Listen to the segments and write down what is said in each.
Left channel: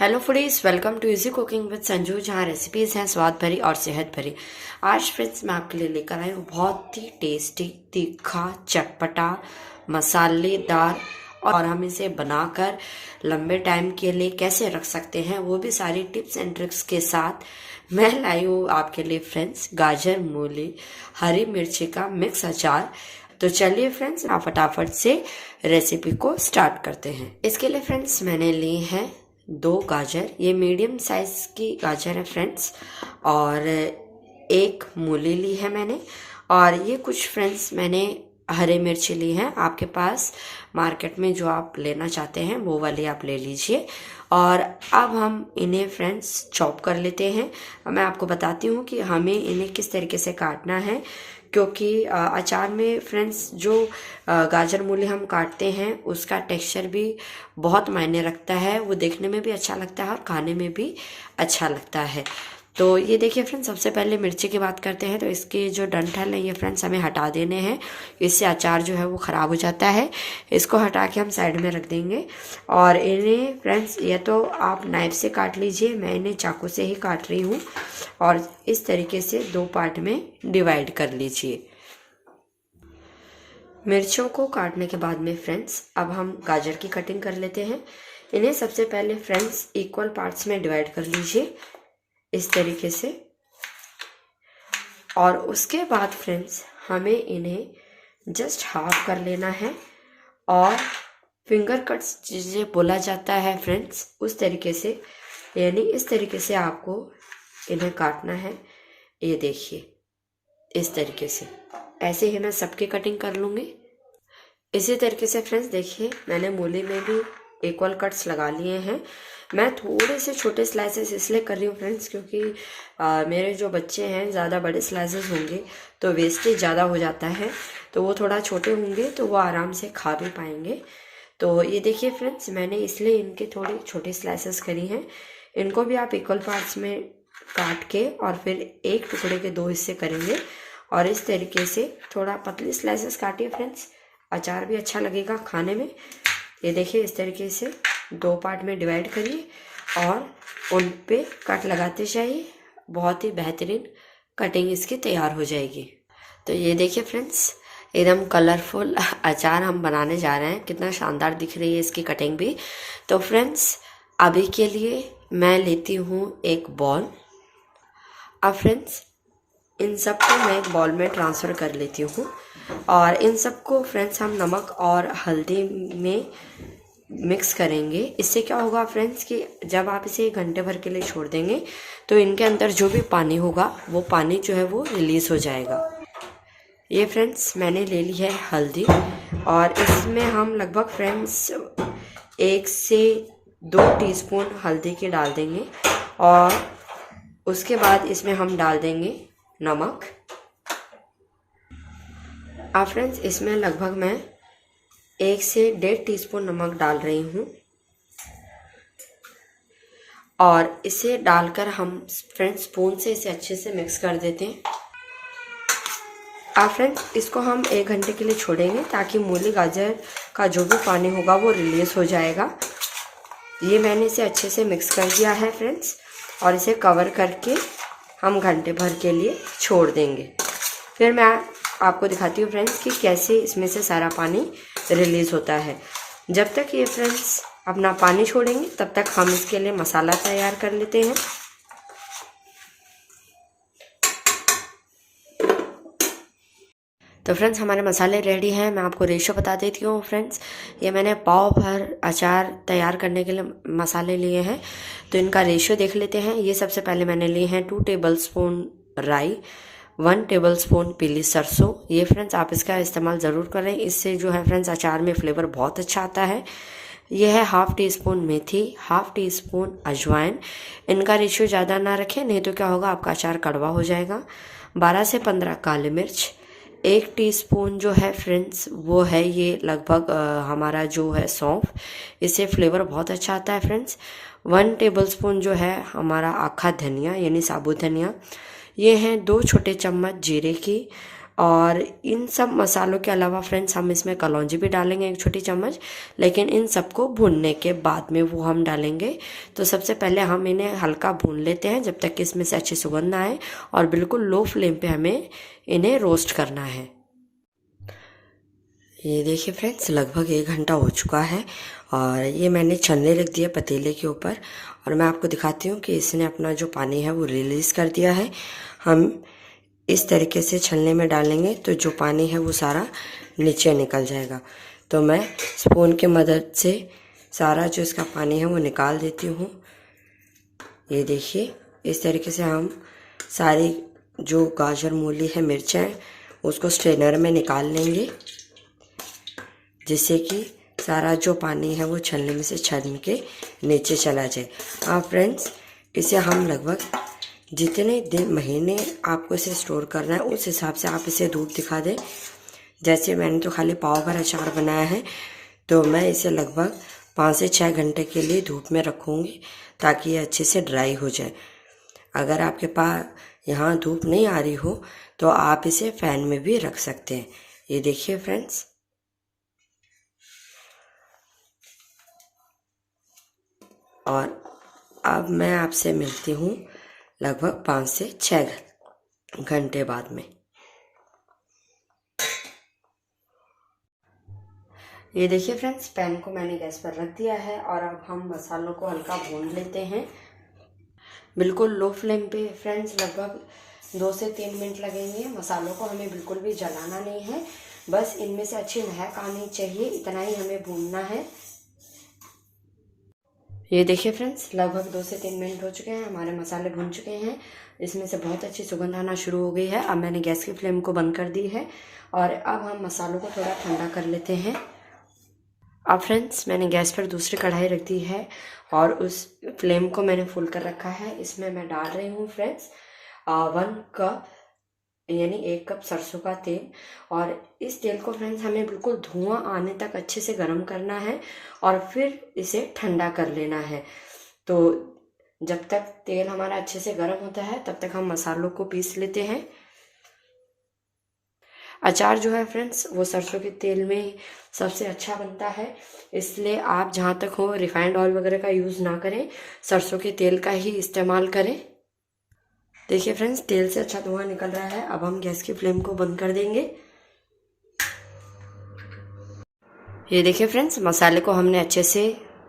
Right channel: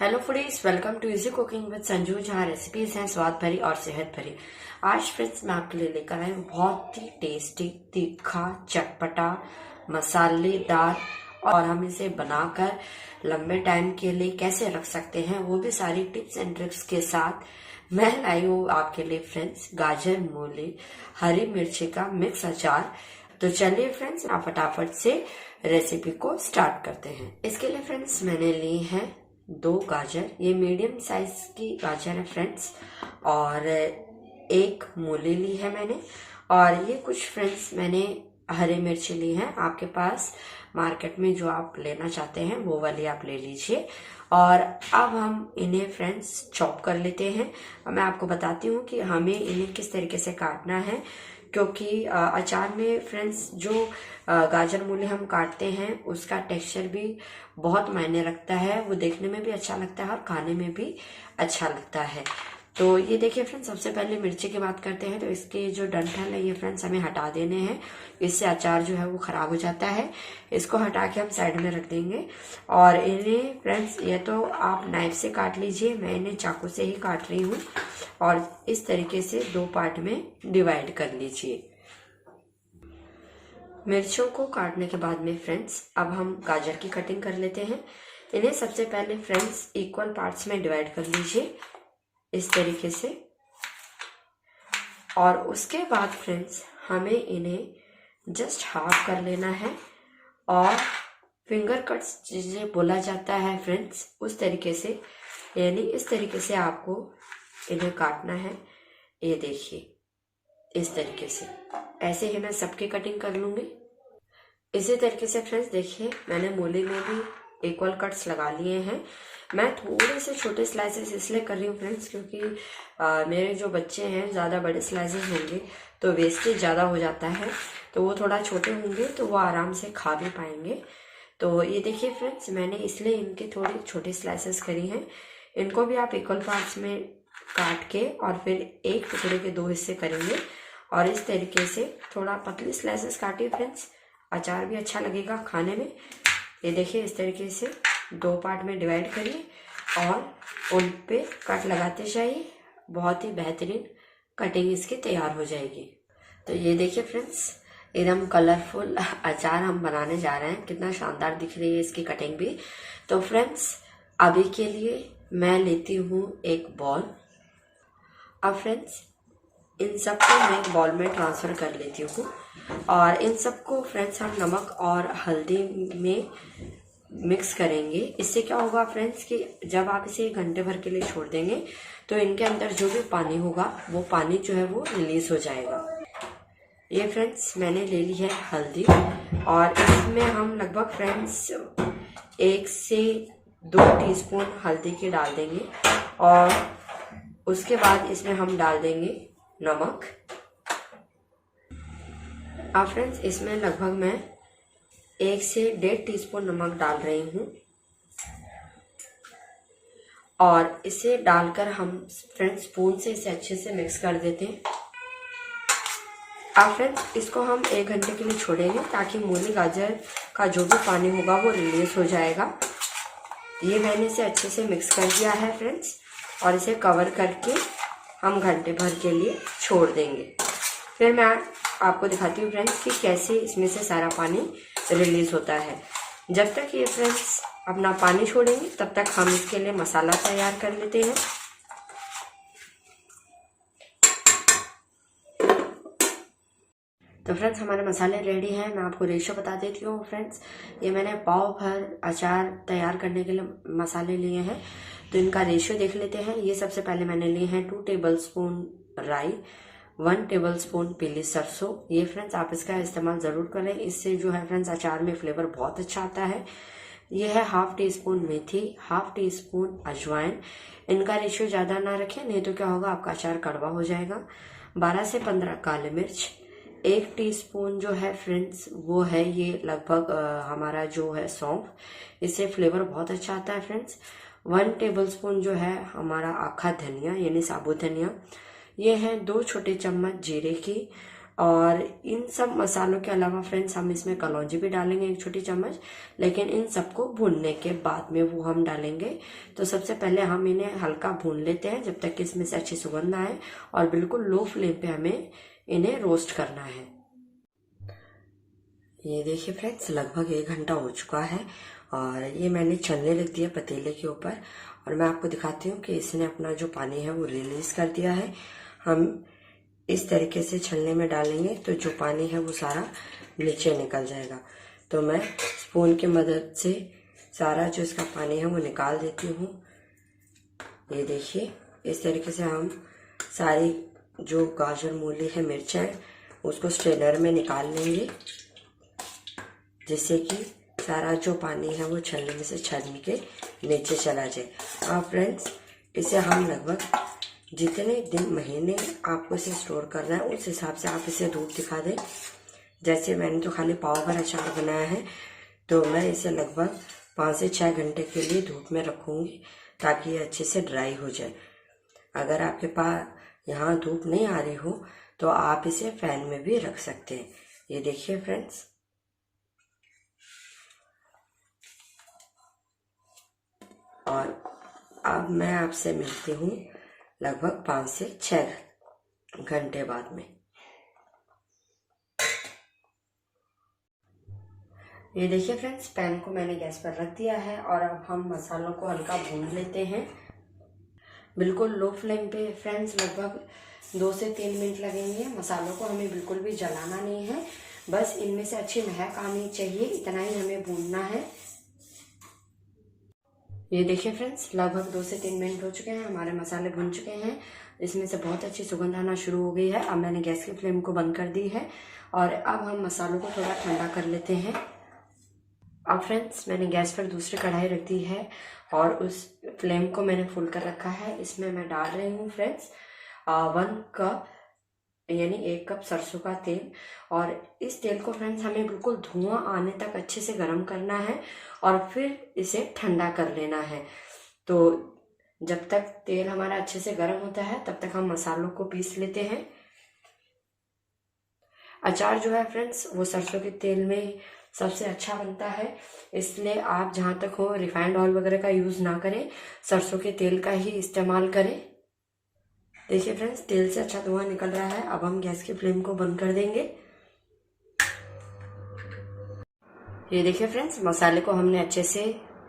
Hello foodies, welcome to easy cooking with Sanju, जहाँ recipes हैं स्वाद भरी और सेहत भरी। आज फ्रेंड्स मैं आपके लिए लेकर आई हूँ बहुत ही टेस्टी, तीखा, चटपटा, मसालेदार और हम इसे बनाकर लंबे टाइम के लिए कैसे रख सकते हैं वो भी सारी टिप्स एंड ट्रिक्स के साथ मैं लाई हूँ आपके लिए फ्रेंड्स गाजर, मूली, हरी मिर्ची का मिक्स अचार। तो चलिए फ्रेंड्स आप फटाफट से रेसिपी को स्टार्ट करते हैं। इसके लिए फ्रेंड्स मैंने ली है 2 गाजर, ये मीडियम साइज की गाजर है फ्रेंड्स, और 1 मूली ली है मैंने, और ये कुछ फ्रेंड्स मैंने हरी मिर्ची ली है। आपके पास मार्केट में जो आप लेना चाहते हैं वो वाली आप ले लीजिए। और अब हम इन्हें फ्रेंड्स चॉप कर लेते हैं। मैं आपको बताती हूँ कि हमें इन्हें किस तरीके से काटना है, क्योंकि अचार में फ्रेंड्स जो गाजर मूली हम काटते हैं उसका टेक्सचर भी बहुत मायने रखता है। वो देखने में भी अच्छा लगता है और खाने में भी अच्छा लगता है। तो ये देखिए फ्रेंड्स, सबसे पहले मिर्ची की बात करते हैं। तो इसके जो डंठल है ये फ्रेंड्स हमें हटा देने हैं, इससे अचार जो है वो ख़राब हो जाता है। इसको हटा के हम साइड में रख देंगे। और इन्हें फ्रेंड्स ये तो आप नाइफ से काट लीजिए, मैं इन्हें चाकू से ही काट रही हूँ। और इस तरीके से 2 पार्ट में डिवाइड कर लीजिए। मिर्चों को काटने के बाद में फ्रेंड्स अब हम गाजर की कटिंग कर लेते हैं। इन्हें सबसे पहले फ्रेंड्स इक्वल पार्ट्स में डिवाइड कर लीजिए इस तरीके से। और उसके बाद फ्रेंड्स हमें इन्हें जस्ट हाफ कर लेना है, और फिंगर कट्स जिसे बोला जाता है फ्रेंड्स उस तरीके से, यानी इस तरीके से आपको इन्हें काटना है। ये देखिए इस तरीके से, ऐसे ही मैं सबकी कटिंग कर लूँगी। इसी तरीके से फ्रेंड्स देखिए मैंने मूली में भी इक्वल कट्स लगा लिए हैं। मैं थोड़े से छोटे स्लाइसेस इसलिए कर रही हूँ फ्रेंड्स, क्योंकि मेरे जो बच्चे हैं ज़्यादा बड़े स्लाइसेस होंगे तो वेस्टेज ज़्यादा हो जाता है, तो वो थोड़ा छोटे होंगे तो वो आराम से खा भी पाएंगे। तो ये देखिए फ्रेंड्स मैंने इसलिए इनके थोड़े छोटे स्लाइसेस करी हैं। इनको भी आप इक्वल पार्ट्स में काट के और फिर एक टुकड़े के 2 हिस्से करेंगे। और इस तरीके से थोड़ा पतली स्लाइसेस काटिए फ्रेंड्स, अचार भी अच्छा लगेगा खाने में। ये देखिए इस तरीके से 2 पार्ट में डिवाइड करिए और उन पे कट लगाते जाइए। बहुत ही बेहतरीन कटिंग इसकी तैयार हो जाएगी। तो ये देखिए फ्रेंड्स एकदम कलरफुल अचार हम बनाने जा रहे हैं। कितना शानदार दिख रही है इसकी कटिंग भी। तो फ्रेंड्स अभी के लिए मैं लेती हूँ एक बॉल। अब फ्रेंड्स इन सबको मैं एक बॉल में ट्रांसफ़र कर लेती हूँ, और इन सबको फ्रेंड्स हम नमक और हल्दी में मिक्स करेंगे। इससे क्या होगा फ्रेंड्स कि जब आप इसे 1 घंटे भर के लिए छोड़ देंगे तो इनके अंदर जो भी पानी होगा वो पानी जो है वो रिलीज़ हो जाएगा। ये फ्रेंड्स मैंने ले ली है हल्दी, और इसमें हम लगभग फ्रेंड्स 1 से 2 टीस्पून हल्दी के डाल देंगे। और उसके बाद इसमें हम डाल देंगे नमक। अब फ्रेंड्स इसमें लगभग मैं 1 से 1.5 टीस्पून नमक डाल रही हूँ, और इसे डालकर हम फ्रेंड्स स्पून से इसे अच्छे से मिक्स कर देते हैं। अब फ्रेंड्स इसको हम 1 घंटे के लिए छोड़ेंगे ताकि मूली गाजर का जो भी पानी होगा वो रिलीज हो जाएगा। ये मैंने इसे अच्छे से मिक्स कर दिया है फ्रेंड्स, और इसे कवर करके हम घंटे भर के लिए छोड़ देंगे। फिर मैं आपको दिखाती हूँ फ्रेंड्स कि कैसे इसमें से सारा पानी रिलीज़ होता है। जब तक ये फ्रेंड्स अपना पानी छोड़ेंगे तब तक हम इसके लिए मसाला तैयार कर लेते हैं। तो फ्रेंड्स हमारे मसाले रेडी हैं। मैं आपको रेशो बता देती हूँ फ्रेंड्स। ये मैंने पाव भर अचार तैयार करने के लिए मसाले लिए हैं, तो इनका रेशो देख लेते हैं। ये सबसे पहले मैंने लिए हैं 2 टेबलस्पून राई, 1 टेबलस्पून पीली सरसों। ये फ्रेंड्स आप इसका इस्तेमाल ज़रूर करें, इससे जो है फ्रेंड्स अचार में फ्लेवर बहुत अच्छा आता है। यह है 1/2 टीस्पून मेथी, 1/2 टीस्पून अजवाइन। इनका रेशो ज़्यादा ना रखें, नहीं तो क्या होगा आपका अचार कड़वा हो जाएगा। 12 से 15 काली मिर्च। 1 टीस्पून जो है फ्रेंड्स वो है ये लगभग हमारा जो है सौंफ, इससे फ्लेवर बहुत अच्छा आता है फ्रेंड्स। 1 टेबलस्पून जो है हमारा आखा धनिया यानी साबुत धनिया। ये हैं 2 छोटे चम्मच जीरे की, और इन सब मसालों के अलावा फ्रेंड्स हम इसमें कलौंजी भी डालेंगे 1 छोटी चम्मच, लेकिन इन सबको भूनने के बाद में वो हम डालेंगे। तो सबसे पहले हम इन्हें हल्का भून लेते हैं जब तक कि इसमें से अच्छी सुगंध आए, और बिल्कुल लो फ्लेम पे हमें इन्हें रोस्ट करना है। ये देखिए फ्रेंड्स, लगभग 1 घंटा हो चुका है और ये मैंने छलने रख दिया पतीले के ऊपर, और मैं आपको दिखाती हूँ कि इसने अपना जो पानी है वो रिलीज़ कर दिया है। हम इस तरीके से छलने में डालेंगे तो जो पानी है वो सारा नीचे निकल जाएगा। तो मैं स्पून की मदद से सारा जो इसका पानी है वो निकाल देती हूँ। ये देखिए, इस तरीके से हम सारी जो गाजर, मूली है, मिर्चें हैं, उसको स्ट्रेनर में निकाल लेंगे, जिससे कि सारा जो पानी है वो छलनी में से छलनी के नीचे चला जाए। हाँ फ्रेंड्स, इसे हम लगभग जितने दिन, महीने आपको इसे स्टोर करना है उस हिसाब से आप इसे धूप दिखा दें। जैसे मैंने तो खाली पाव भर अचार बनाया है, तो मैं इसे लगभग 5 से 6 घंटे के लिए धूप में रखूँगी ताकि ये अच्छे से ड्राई हो जाए। अगर आपके पास यहाँ धूप नहीं आ रही हो तो आप इसे फैन में भी रख सकते हैं। ये देखिए फ्रेंड्स, और अब मैं आपसे मिलती हूँ लगभग 5 से 6 घंटे बाद में। ये देखिए फ्रेंड्स, पैन को मैंने गैस पर रख दिया है और अब हम मसालों को हल्का भून लेते हैं, बिल्कुल लो फ्लेम पे फ्रेंड्स। लगभग 2 से 3 मिनट लगेंगे। मसालों को हमें बिल्कुल भी जलाना नहीं है, बस इनमें से अच्छी महक आनी चाहिए, इतना ही हमें भूनना है। ये देखिए फ्रेंड्स, लगभग 2 से 3 मिनट हो चुके हैं, हमारे मसाले भुन चुके हैं, इसमें से बहुत अच्छी सुगंध आना शुरू हो गई है। अब मैंने गैस की फ्लेम को बंद कर दी है और अब हम मसालों को थोड़ा ठंडा कर लेते हैं। अब फ्रेंड्स, मैंने गैस पर दूसरी कढ़ाई रख दी है और उस फ्लेम को मैंने फुल कर रखा है। इसमें मैं डाल रही हूँ फ्रेंड्स 1 कप यानी 1 कप सरसों का तेल, और इस तेल को फ्रेंड्स हमें बिल्कुल धुआं आने तक अच्छे से गर्म करना है और फिर इसे ठंडा कर लेना है। तो जब तक तेल हमारा अच्छे से गर्म होता है तब तक हम मसालों को पीस लेते हैं। अचार जो है फ्रेंड्स वो सरसों के तेल में सबसे अच्छा बनता है, इसलिए आप जहाँ तक हो रिफाइंड ऑयल वगैरह का यूज़ ना करें, सरसों के तेल का ही इस्तेमाल करें। देखिए फ्रेंड्स, तेल से अच्छा धुआं निकल रहा है। अब हम गैस की फ्लेम को बंद कर देंगे। ये देखिए फ्रेंड्स, मसाले को हमने अच्छे से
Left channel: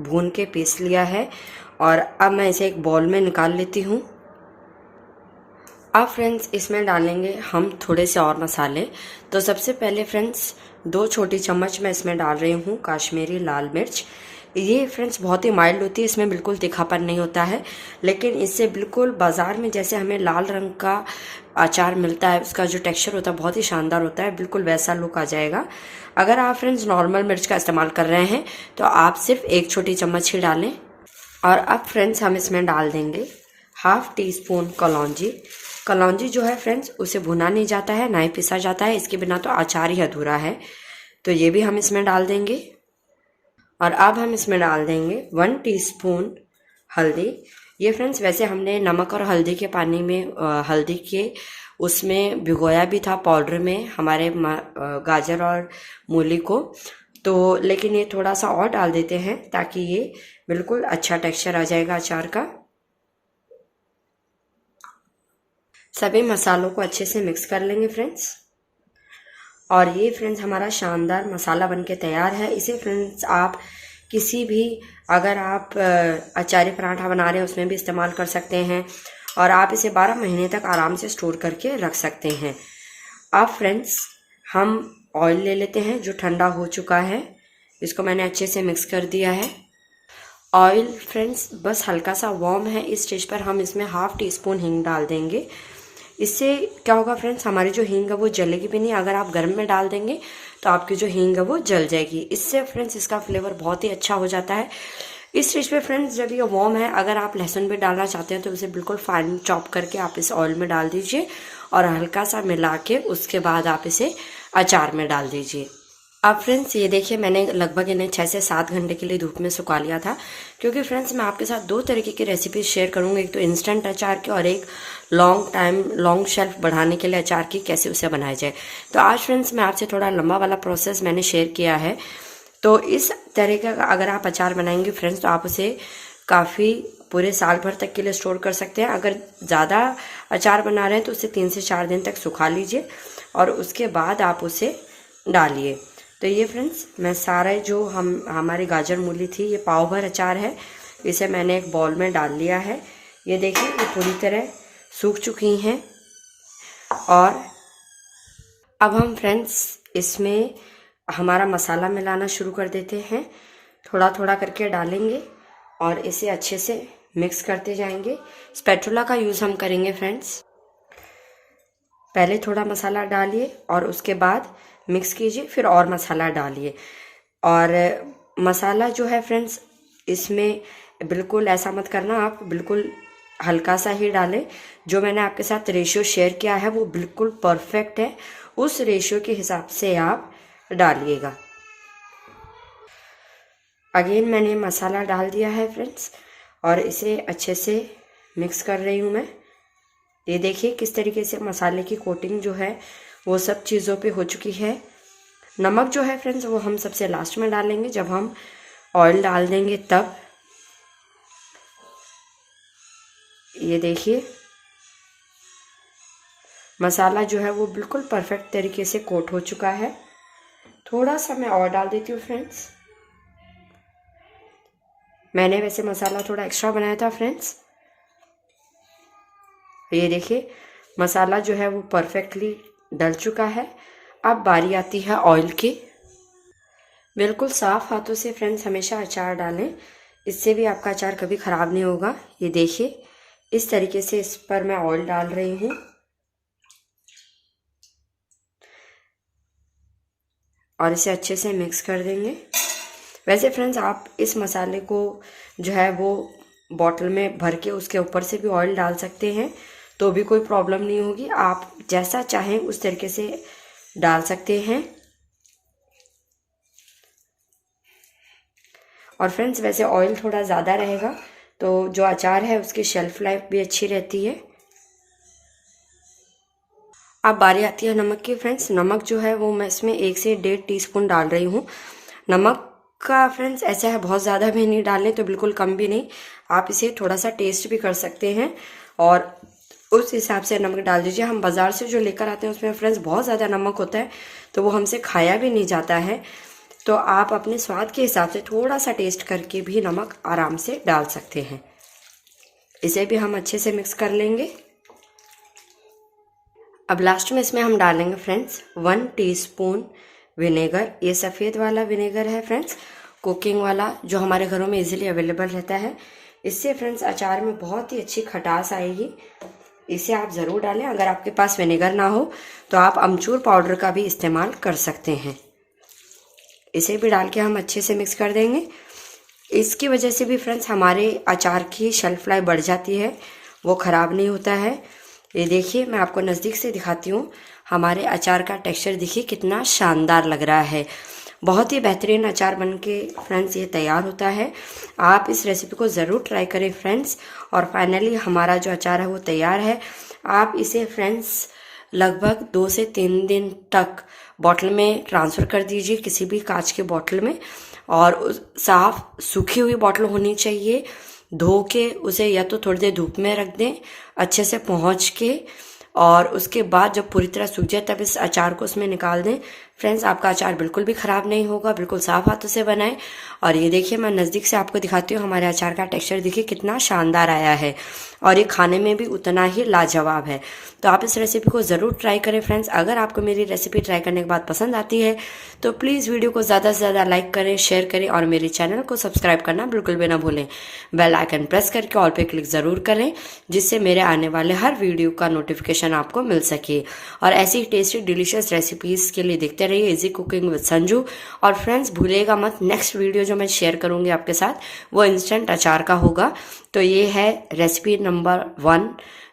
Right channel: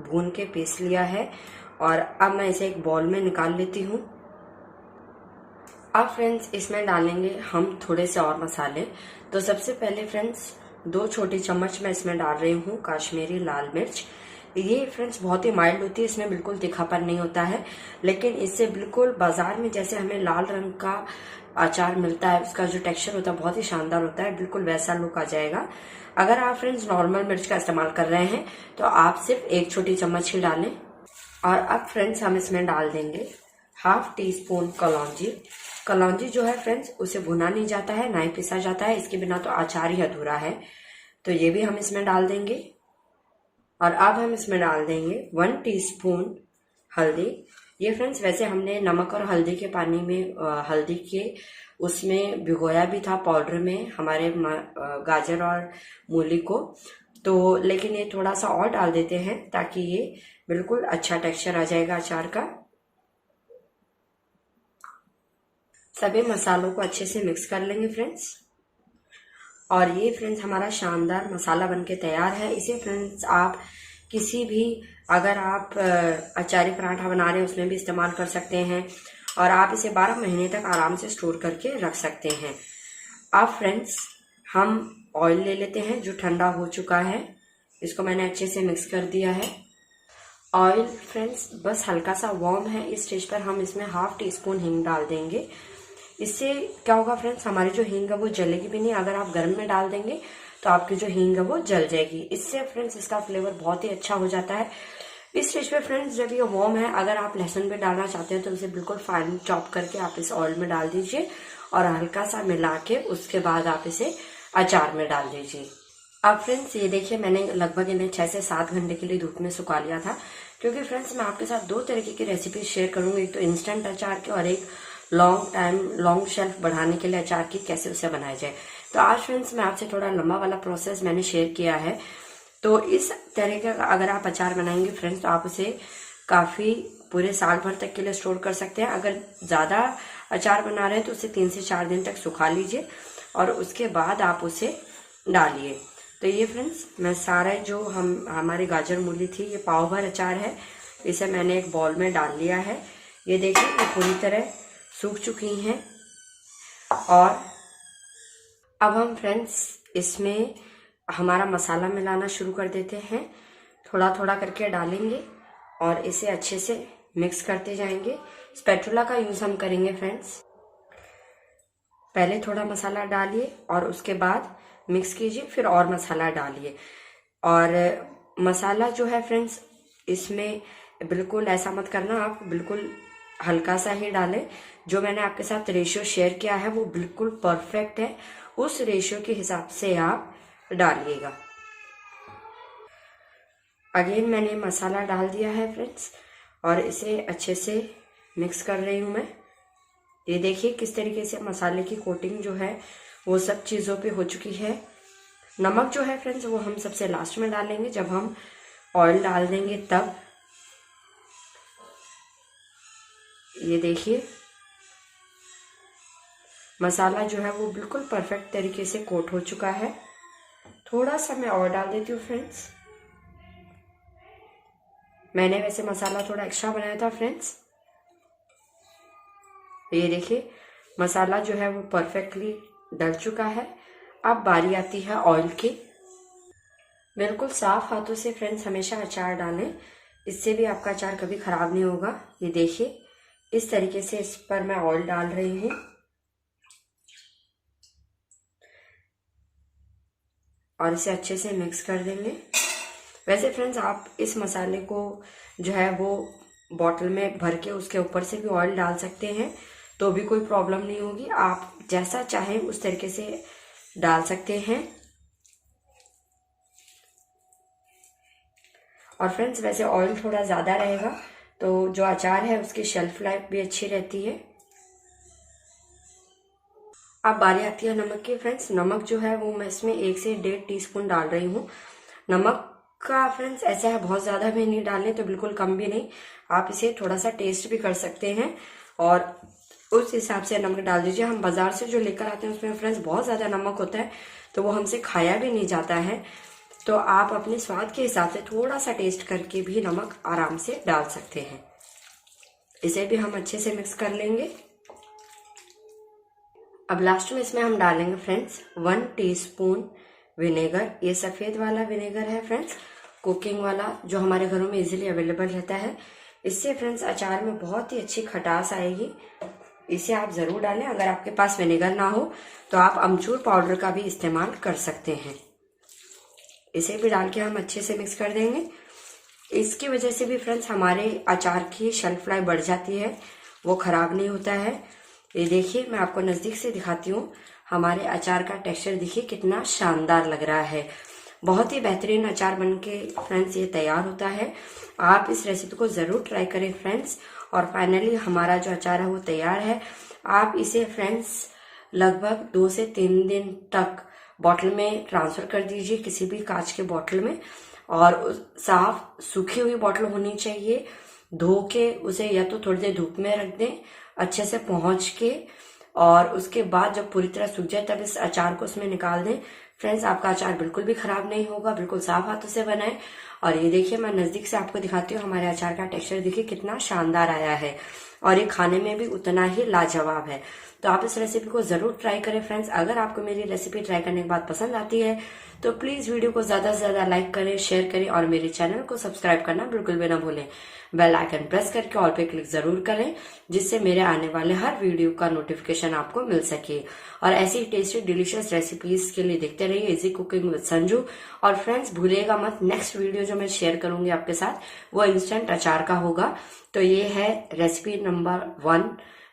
भून के पीस लिया है और अब मैं इसे एक बाउल में निकाल लेती हूँ। अब फ्रेंड्स, इसमें डालेंगे हम थोड़े से और मसाले। तो सबसे पहले फ्रेंड्स 2 छोटी चम्मच मैं इसमें डाल रही हूँ काश्मीरी लाल मिर्च। ये फ्रेंड्स बहुत ही माइल्ड होती है, इसमें बिल्कुल तीखापन नहीं होता है, लेकिन इससे बिल्कुल बाजार में जैसे हमें लाल रंग का अचार मिलता है, उसका जो टेक्सचर होता है बहुत ही शानदार होता है, बिल्कुल वैसा लुक आ जाएगा। अगर आप फ्रेंड्स नॉर्मल मिर्च का इस्तेमाल कर रहे हैं तो आप सिर्फ 1 छोटी चम्मच ही डालें। और अब फ्रेंड्स हम इसमें डाल देंगे 1/2 टीस्पून कलौंजी। कलौंजी जो है फ्रेंड्स उसे भुना नहीं जाता है, ना ही पिसा जाता है, इसके बिना तो अचार ही अधूरा है। तो ये भी हम इसमें डाल देंगे। और अब हम इसमें डाल देंगे 1 टीस्पून हल्दी। ये फ्रेंड्स वैसे हमने नमक और हल्दी के पानी में हल्दी के उसमें भिगोया भी था पाउडर में हमारे गाजर और मूली को, तो लेकिन ये थोड़ा सा और डाल देते हैं ताकि ये बिल्कुल अच्छा टेक्सचर आ जाएगा अचार का। सभी मसालों को अच्छे से मिक्स कर लेंगे फ्रेंड्स। और ये फ्रेंड्स हमारा शानदार मसाला बनके तैयार है। इसे फ्रेंड्स आप किसी भी, अगर आप अचारी पराठा बना रहे हैं उसमें भी इस्तेमाल कर सकते हैं और आप इसे 12 महीने तक आराम से स्टोर करके रख सकते हैं। अब फ्रेंड्स हम ऑयल ले लेते हैं जो ठंडा हो चुका है, इसको मैंने अच्छे से मिक्स कर दिया है। ऑयल फ्रेंड्स बस हल्का सा वार्म है, इस स्टेज पर हम इसमें 1/2 टीस्पून हींग डाल देंगे। इससे क्या होगा फ्रेंड्स, हमारी जो हींग है वो जलेगी भी नहीं। अगर आप गर्म में डाल देंगे तो आपकी जो हींग है वो जल जाएगी। इससे फ्रेंड्स इसका फ्लेवर बहुत ही अच्छा हो जाता है। इस स्टेज पे फ्रेंड्स जब ये वार्म है, अगर आप लहसुन भी डालना चाहते हैं तो उसे बिल्कुल फाइन चॉप करके आप इस ऑयल में डाल दीजिए और हल्का सा मिला के उसके बाद आप इसे अचार में डाल दीजिए। अब फ्रेंड्स ये देखिए, मैंने लगभग इन्हें 6 से 7 घंटे के लिए धूप में सुखा लिया था, क्योंकि फ्रेंड्स मैं आपके साथ 2 तरीके की रेसिपी शेयर करूंगी, एक तो इंस्टेंट अचार की और एक लॉन्ग शेल्फ बढ़ाने के लिए अचार की, कैसे उसे बनाया जाए। तो आज फ्रेंड्स मैं आपसे थोड़ा लंबा वाला प्रोसेस मैंने शेयर किया है। तो इस तरीके का अगर आप अचार बनाएंगे फ्रेंड्स, तो आप उसे काफ़ी पूरे साल भर तक के लिए स्टोर कर सकते हैं। अगर ज़्यादा अचार बना रहे हैं तो उसे 3 से 4 दिन तक सुखा लीजिए और उसके बाद आप उसे डालिए। तो ये फ्रेंड्स मैं सारे जो हमारी गाजर मूली थी, ये पाव भर अचार है, इसे मैंने एक बॉल में डाल लिया है। ये देखिए ये पूरी तरह सूख चुकी हैं। और अब हम फ्रेंड्स इसमें हमारा मसाला मिलाना शुरू कर देते हैं। थोड़ा थोड़ा करके डालेंगे और इसे अच्छे से मिक्स करते जाएंगे। स्पैचुला का यूज़ हम करेंगे फ्रेंड्स। पहले थोड़ा मसाला डालिए और उसके बाद मिक्स कीजिए, फिर और मसाला डालिए। और मसाला जो है फ्रेंड्स, इसमें बिल्कुल ऐसा मत करना, आप बिल्कुल हल्का सा ही डालें। जो मैंने आपके साथ रेशियो शेयर किया है वो बिल्कुल परफेक्ट है, उस रेशियो के हिसाब से आप डालिएगा। अगेन मैंने मसाला डाल दिया है फ्रेंड्स और इसे अच्छे से मिक्स कर रही हूँ मैं। ये देखिए किस तरीके से मसाले की कोटिंग जो है वो सब चीज़ों पे हो चुकी है। नमक जो है फ्रेंड्स वो हम सबसे लास्ट में डालेंगे, जब हम ऑयल डाल देंगे तब। ये देखिए मसाला जो है वो बिल्कुल परफेक्ट तरीके से कोट हो चुका है। थोड़ा सा मैं और डाल देती हूँ फ्रेंड्स। मैंने वैसे मसाला थोड़ा एक्स्ट्रा बनाया था फ्रेंड्स। ये देखिए मसाला जो है वो परफेक्टली डल चुका है। अब बारी आती है ऑयल की। बिल्कुल साफ हाथों से फ्रेंड्स हमेशा अचार डालें, इससे भी आपका अचार कभी ख़राब नहीं होगा। ये देखिए इस तरीके से इस पर मैं ऑयल डाल रही हूँ और इसे अच्छे से मिक्स कर देंगे। वैसे फ्रेंड्स आप इस मसाले को जो है वो बॉटल में भर के उसके ऊपर से भी ऑयल डाल सकते हैं, तो भी कोई प्रॉब्लम नहीं होगी। आप जैसा चाहें उस तरीके से डाल सकते हैं। और फ्रेंड्स वैसे ऑयल थोड़ा ज़्यादा रहेगा तो जो अचार है उसकी शेल्फ लाइफ भी अच्छी रहती है। अब बारी आती है नमक की फ्रेंड्स। नमक जो है वो मैं इसमें 1 से 1.5 टीस्पून डाल रही हूँ। नमक का फ्रेंड्स ऐसा है बहुत ज़्यादा भी नहीं डालें तो बिल्कुल कम भी नहीं, आप इसे थोड़ा सा टेस्ट भी कर सकते हैं और उस हिसाब से नमक डाल दीजिए। हम बाज़ार से जो लेकर आते हैं उसमें फ्रेंड्स बहुत ज़्यादा नमक होता है तो वो हमसे खाया भी नहीं जाता है। तो आप अपने स्वाद के हिसाब से थोड़ा सा टेस्ट करके भी नमक आराम से डाल सकते हैं। इसे भी हम अच्छे से मिक्स कर लेंगे। अब लास्ट में इसमें हम डालेंगे फ्रेंड्स 1 टीस्पून विनेगर। ये सफ़ेद वाला विनेगर है फ्रेंड्स, कुकिंग वाला, जो हमारे घरों में इजीली अवेलेबल रहता है। इससे फ्रेंड्स अचार में बहुत ही अच्छी खटास आएगी। इसे आप ज़रूर डालें। अगर आपके पास विनेगर ना हो तो आप अमचूर पाउडर का भी इस्तेमाल कर सकते हैं। इसे भी डाल के हम अच्छे से मिक्स कर देंगे। इसकी वजह से भी फ्रेंड्स हमारे अचार की शेल्फ लाइफ बढ़ जाती है, वो ख़राब नहीं होता है। ये देखिए मैं आपको नज़दीक से दिखाती हूँ। हमारे अचार का टेक्सचर देखिए कितना शानदार लग रहा है। बहुत ही बेहतरीन अचार बन के फ्रेंड्स ये तैयार होता है। आप इस रेसिपी को ज़रूर ट्राई करें फ्रेंड्स। और फाइनली हमारा जो अचार है वो तैयार है। आप इसे फ्रेंड्स लगभग 2 से 3 दिन तक बॉटल में ट्रांसफ़र कर दीजिए, किसी भी कांच के बॉटल में। और साफ सूखी हुई बॉटल होनी चाहिए। धो के उसे या तो थोड़ी देर धूप में रख दें अच्छे से पहुँच के, और उसके बाद जब पूरी तरह सूख जाए तब इस अचार को उसमें निकाल दें। फ्रेंड्स आपका अचार बिल्कुल भी ख़राब नहीं होगा, बिल्कुल साफ हाथों से बनाएं। और ये देखिए मैं नज़दीक से आपको दिखाती हूँ, हमारे अचार का टेक्सचर देखिए कितना शानदार आया है और ये खाने में भी उतना ही लाजवाब है। तो आप इस रेसिपी को ज़रूर ट्राई करें फ्रेंड्स। अगर आपको मेरी रेसिपी ट्राई करने के बाद पसंद आती है तो प्लीज़ वीडियो को ज़्यादा से ज़्यादा लाइक करें, शेयर करें और मेरे चैनल को सब्सक्राइब करना बिल्कुल भी ना भूलें। बेल आइकन प्रेस करके ऑल पे क्लिक ज़रूर करें, जिससे मेरे आने वाले हर वीडियो का नोटिफिकेशन आपको मिल सके। और ऐसी टेस्टी डिलीशियस रेसिपीज़ के लिए देखते रहिए इजी कुकिंग विद संजू। और फ्रेंड्स भूलिएगा मत, नेक्स्ट वीडियो जो मैं शेयर करूँगी आपके साथ वो इंस्टेंट अचार का होगा। तो ये है रेसिपी नंबर 1,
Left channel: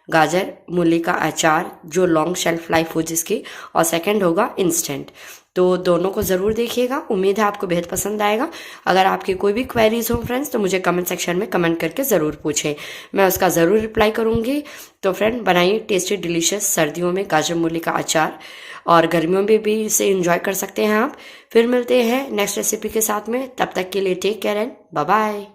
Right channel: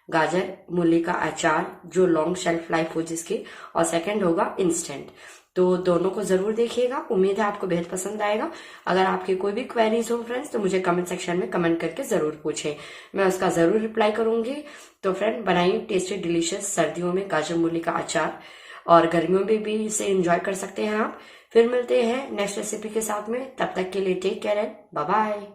गाजर मूली का अचार जो लॉन्ग शेल्फ लाइफ हो जिसकी, और सेकंड होगा इंस्टेंट। तो दोनों को ज़रूर देखिएगा। उम्मीद है आपको बेहद पसंद आएगा। अगर आपकी कोई भी क्वेरीज हो फ्रेंड्स तो मुझे कमेंट सेक्शन में कमेंट करके ज़रूर पूछें, मैं उसका ज़रूर रिप्लाई करूँगी। तो फ्रेंड बनाइए टेस्टी डिलीशियस सर्दियों में गाजर मूली का अचार, और गर्मियों में भी इसे एंजॉय कर सकते हैं आप। फिर मिलते हैं नेक्स्ट रेसिपी के साथ में, तब तक के लिए take care and bye bye.